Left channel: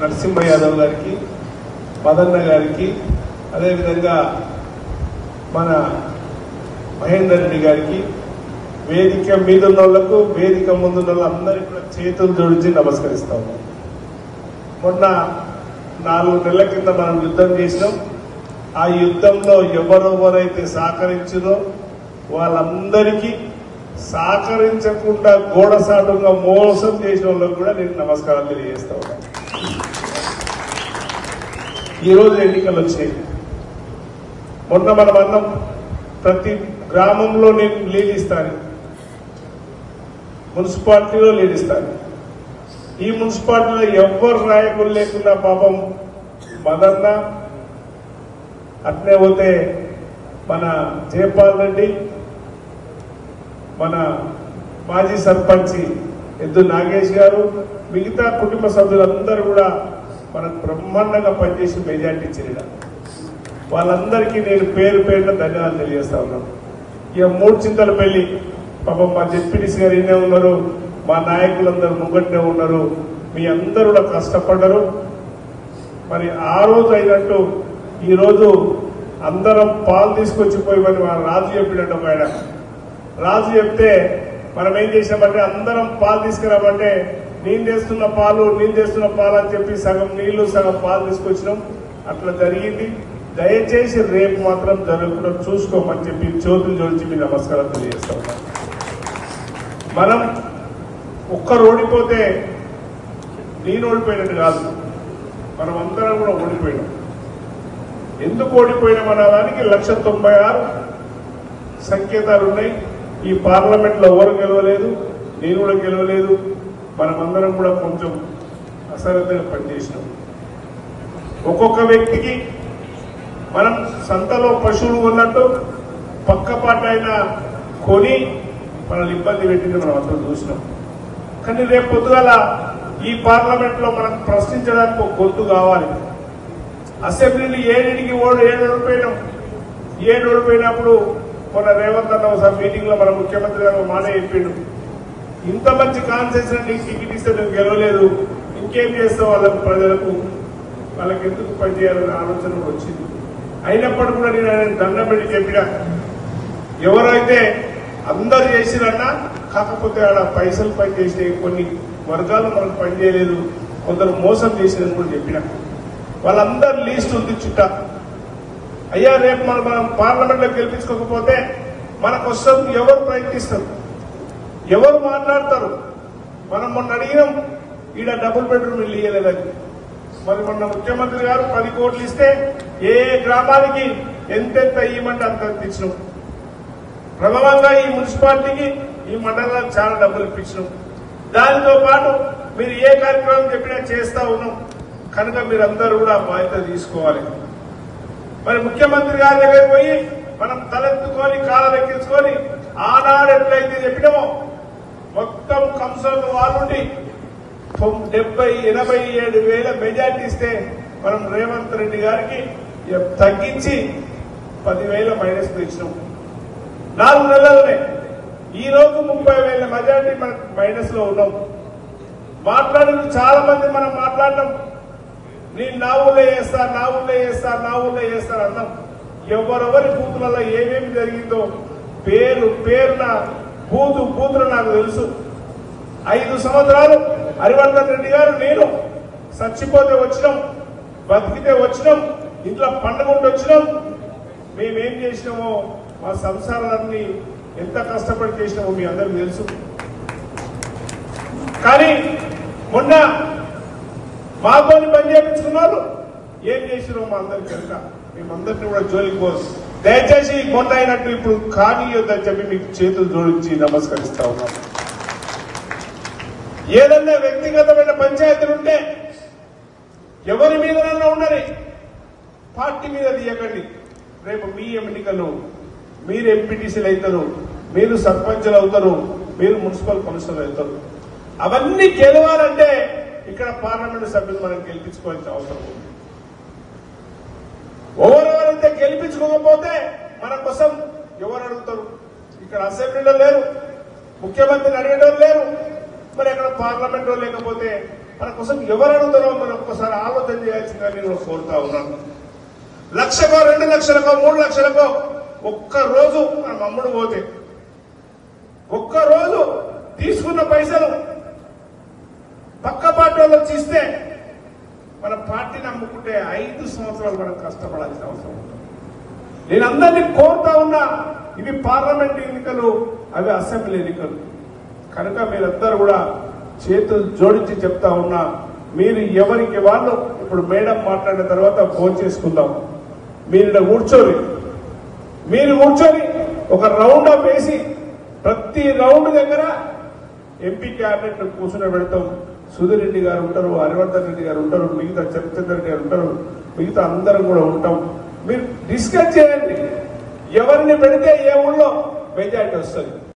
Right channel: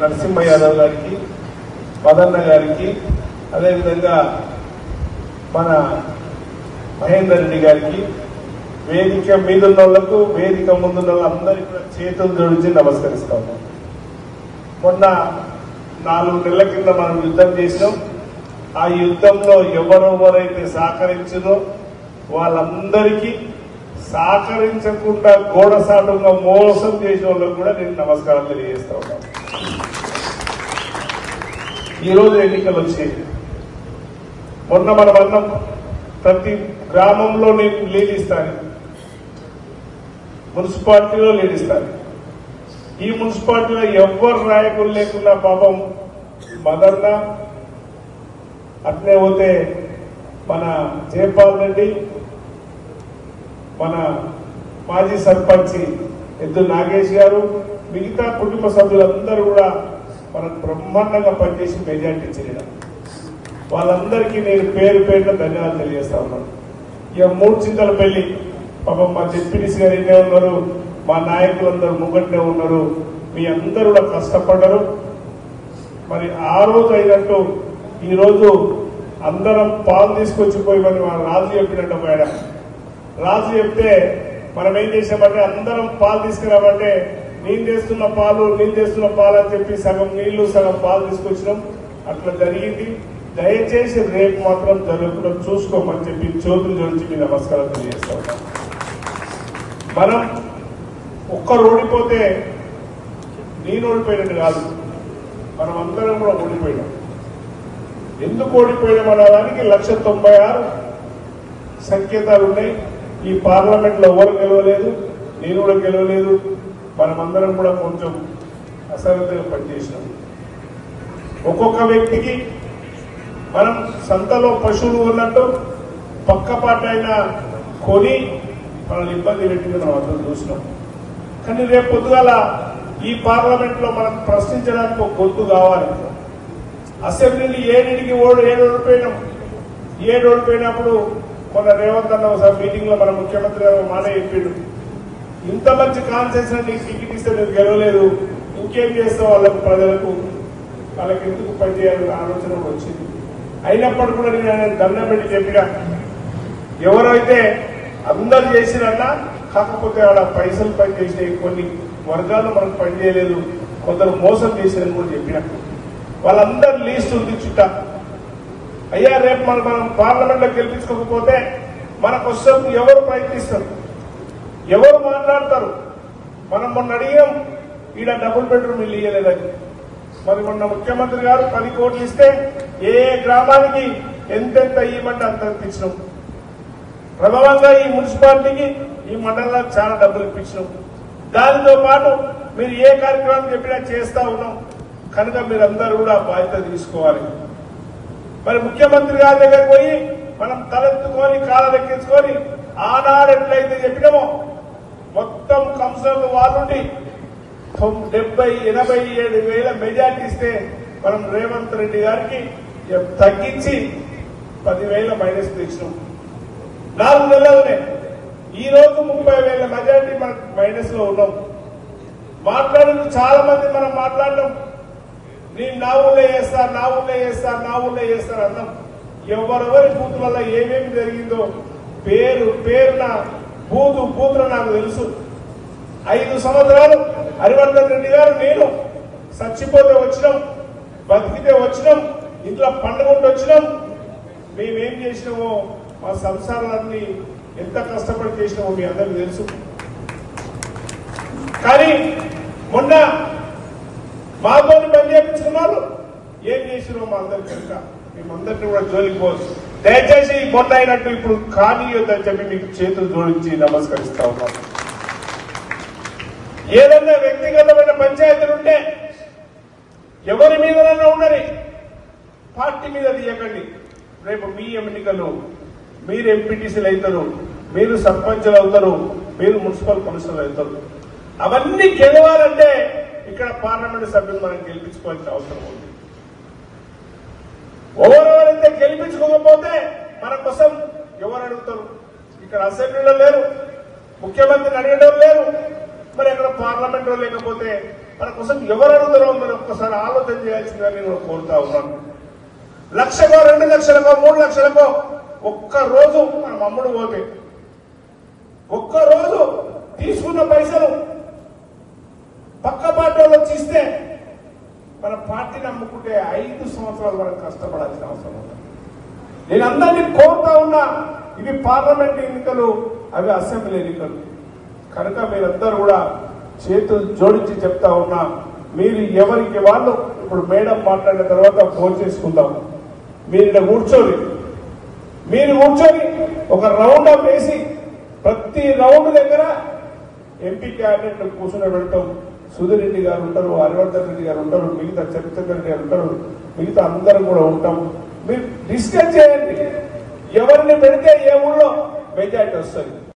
నరసింహ యాదవ్ గారికి, మదన్న గారికి, అదేవిధంగా మన మహేందర్ రెడ్డి గారికి, వేదిక మీదున్న వాళ్లకు, వేదిక ముందున్న వాళ్ళందరికీ చేతులు జోడించి నమస్కరిస్తాము. మొన్న 4 నెలల కింద మనం యుద్ధం చేసినాం. ఆ యుద్ధంలో ఎవరెవరైతే సహకరించిందో వాళ్ళందరికీ, సహకరించకుండా గోడసాటుగా మోసం చేసిన వాళ్ళకు కూడా నేను నమస్కారం తెలియజేస్తా ఉన్నాను. ఈరోజు ఎన్నికలు వచ్చాయి. మొన్న మనం అన్నం ప్రతి గ్రామంలో నేను లీడ్ ఇస్తాను, మున్సిపాలిటీలో లీడ్ ఇస్తాను. ఈ మున్సిపాలిటీలో ఎవ్వరు నాయకులు లేకుండా పాపం మదన్న, అట్లే పోతే మన జయపాల్ రెడ్డి, మన మాజీ సర్పంచ్ ఎద్దు నాగేష్ గారు, మిగతా కుటుంబ సభ్యులందరూ కూడా మనకు బ్రహ్మాండంగా పనిచేసి మెజార్టీ ఇచ్చిన వాళ్ళందరికీ నేను పేరు పేరున ధన్యవాదాలు తెలియజేస్తా ఉన్నాను. ఇక 3 చింతల పెళ్లి పాపం మా జెడ్పీటీసీ గారు ఇన్నే ఉన్నారు, మా నాయకులందరూ ముంగట్నే ఉన్నారు, మీ అందరూ కూడా కష్టపడ్డారు. మరి ఆ రోజు అయినట్టు ఈ రోజు అందరం పాలు తీసుకొచ్చిపోయి మరి మన రాజు చెప్పినట్టు ఆయన రాజు చెప్తే మనం ఏం చేసామంటే అందరం పాలు తీసుకురామంటే నేను చేస్తున్న పాలు అని చెప్పి సగం నీళ్లు సగం పాలు తీసుకొచ్చినాం. అట్లా జరిగింది. దయచేసి రేపు మాత్రం జరగకుండా చూసుకోమని చెప్పి చేతులు జోడించి మీ నమస్కారం తెలియజేస్తాం. మనం ఒక్కరు ఓడిపోతే నేను ఓడిపోయినట్టు కాదు, మనం అందరం కూడా ఓడిపోయాం. ఎందుకు ఓడిపోయినాం అన్నదానికి 196 సంకేతాలు ఉన్నాయి. ఈ పార్లమెంట్ లో ఎవరు గెలవలేదు, నేను కూడా గెలవలేదు. మనమందరం కూడా కొంచెం అసరతగా పనిచేసినాం. ఒక్కొక్క వ్యక్తికి మనం సంతలో పశువులు ఉన్నట్టు పక్కపాటైనా కొని మనల్ని ఇబ్బంది పెట్టింది మనం అందరం చూసినాం. కానీ రేపు పొద్దుగాల ఈ పార్లమెంట్ లో మనం ప్రశ్నించడానికి ఒక గొంతు కావాలి. అసెంబ్లీని 7 ఓడిపోయినాం. 7 ఓడిపోయినప్పుడు మన రేవంత్ అన్న ఒకసారి మీటింగ్ లో మన ముఖ్యమంత్రి గారు మాట చెప్పిండు, ఇంత మంచి కాన్సెషన్ నీకు టికెట్ ఇస్తే నువ్వు గెలవలేదు, ఇంకేం చేస్తావు వాళ్ళకు, ప్రజలకు వాళ్ళకి ఎందుకు పనిచేయాలనే ఆలోచన వచ్చింది. అయినప్పటికీ కూడా నేను ఆయన దండం పెట్టి చెప్పినా, ఎవరైతే అందరు చేసిరన్నా కాకపోతే ఆడ పైసలు పనిచేసినాయి, కొన్ని వర్గాలు మనకు పనిచేయలేదు, కొందరు మోసం చేసినని కూడా చెప్పినా. వాళ్ళందరూ లీస్ట్ ఉంది చుట్టా. అయ్యా రేపు మనం పార్లమెంట్ లో గెలిపించుకోకపోతే మన కోసం ఎవరు ప్రయత్నిస్తారు, ఎవరు మాట్లాడతారు? మనం మొన్న అడిగినాం, ఈడ డబుల్ బెడ్రూమ్ ఇల్లు ఇయ్యలేదని. మరి మొన్న ముఖ్యమంత్రి గారు 10 కోట్లు ఇస్తే ఏ గ్రామానికి ఎంతెంత ఇవ్వమంటే అంత ఇప్పించినాం. ప్రభావంగా ఈ మున్సిపాలిటీకి ఈ మండలానికి చాలా డబ్బులు ఇప్పించినాం. దానితో పాటు మీరు ఏ కార్యక్రమం చెప్పినా చేస్తా ఉన్నాం. కనుక మీరందరూ కూడా బాధ్యత తీసుకోవాలి. మరి ముఖ్యమంత్రి గారి దగ్గరికి పోయి మనం తలెత్తుకొని కాలరెక్కించుకొని ఆనాడు ఎట్లయితే చెప్పినామో మొత్తం కంసంలో వాళ్ళుండి 70-87 వేల మెజార్టీ ఇస్తే మనం రేవంత్ రెడ్డి గారికి తగ్గించి 10,000 మైనస్ ఇచ్చినాం. 4 నెలలనే ఈ రోజు 30,000 మెజార్టీ మనకు మైనస్ లో ఉన్నాం. మాట్లాడిన చాలా మంది మనం మాట్లాడడం, నేను నా ఊళ్ళో చేస్తా అన్నాం. ఎవరెవరి బూతులలో ఏమేమి జరిగిందో పేరున బూతులు నాకు తెలుసు. 5 సంవత్సరాలు హరివర్ధన్ రెడ్డి గారు నేను చచ్చిపోతే వచ్చినాం, బతికితే వచ్చినాం, ఇంట్లో పండుగ వచ్చినాం. మేమేం చేసినామో మా సంసారాన్ని ఎంత కష్టపడి చేసినామో మీ అందరికీ తెలుసు. కానీ మొన్న మాతోని పని చేయించుకున్నారు, ఏం చేసినామో మా అందరికి కనుక మేమందరినీ కూడా జోలికి పోదు. దయచేసి కొంత అయినట్టు ఇప్పుడు కానీయొద్దని చెప్పి మీకు చేతులు జోడించి నమస్కరిస్తా ఉన్నాను. ఏదన్నా వ్యక్తిగతమైన పంచాయతీలు ఉంటే ఎవరి మీదనన్నా ఉండని, పార్టీ మీద తీయకండి. రేపు మీ ఎన్నికల్లో మీరు ఎంపీటీసీలు అవుతారు, మీరు సర్పంచులు అవుతారు, మీరు మున్సిపల్ కమిషనర్లు అవుతారు. అవన్నీ గెలవాలంటే ఇక్కడ పార్లమెంటు సభ్యులు మనం గెలిపించుకోవాల్సిన అవసరం ఉంది. ఎవరెవరైతే గెలిపించుకోకపోతే మన కోసం ఎవరు అడుగుతారు? ఇక్కడ అసెంబ్లీలో లేరు, ముఖ్యమంత్రిని అడగడం లేరు, మరి అక్కడ పార్లమెంట్ లో లేకపోతే మన కోసం ఎవరు అడుగుతారో మనం ఒక్కసారి ఆలోచన చేయాల్సిందిగా నేను కోరుతా ఉన్నాను. 1,00,000కో 2,00,000కో 3,00,000కో ఒక్క రోజు మనం అమ్ముడు పోతే ఒక్క రోజు తీసుకున్న పైసలు పక్క పార్టీ వాళ్ళు వచ్చి ఇస్తే మన పార్టీని అమ్ముకుంటే 5 సంవత్సరాలు మనం కష్టపడాల్సిన అవసరం ఉంది. నేను అందరినీ కోరుతా ఉన్నా, ఇవి పార్లమెంట్ ఎన్నికలు, అవి అసెంబ్లీ ఎన్నికలు కనుక మీరందరూ కూడా చేతులు జోడించి చెప్తా ఉన్నా, మీరు ఎవరికి వాళ్ళు ఇప్పుడు మేడం మాట్లాడిన తర్వాత ఫోన్ చేసుకుందాం. మీరు కూర్చొని ఒక రౌండ్ అప్ వేసి ప్రతి రౌండ్ దగ్గర ఎంపీ క్యాబినెట్ కూర్చుని పెడతాం. సుధీర్ రెడ్డి గారు ఉంటారు, హరివర్ధన్ రెడ్డి గారు ఉంటారు, మిగతా చంద్రచంద్ర రెడ్డి గారు ఉంటారు, మిగతా అందరం కూడా ఉంటాం. మీరు డిస్కస్ చేయండి, ఎవరిని పెడితే ఏ ఊళ్ళో మెజార్టీ వస్తుంది.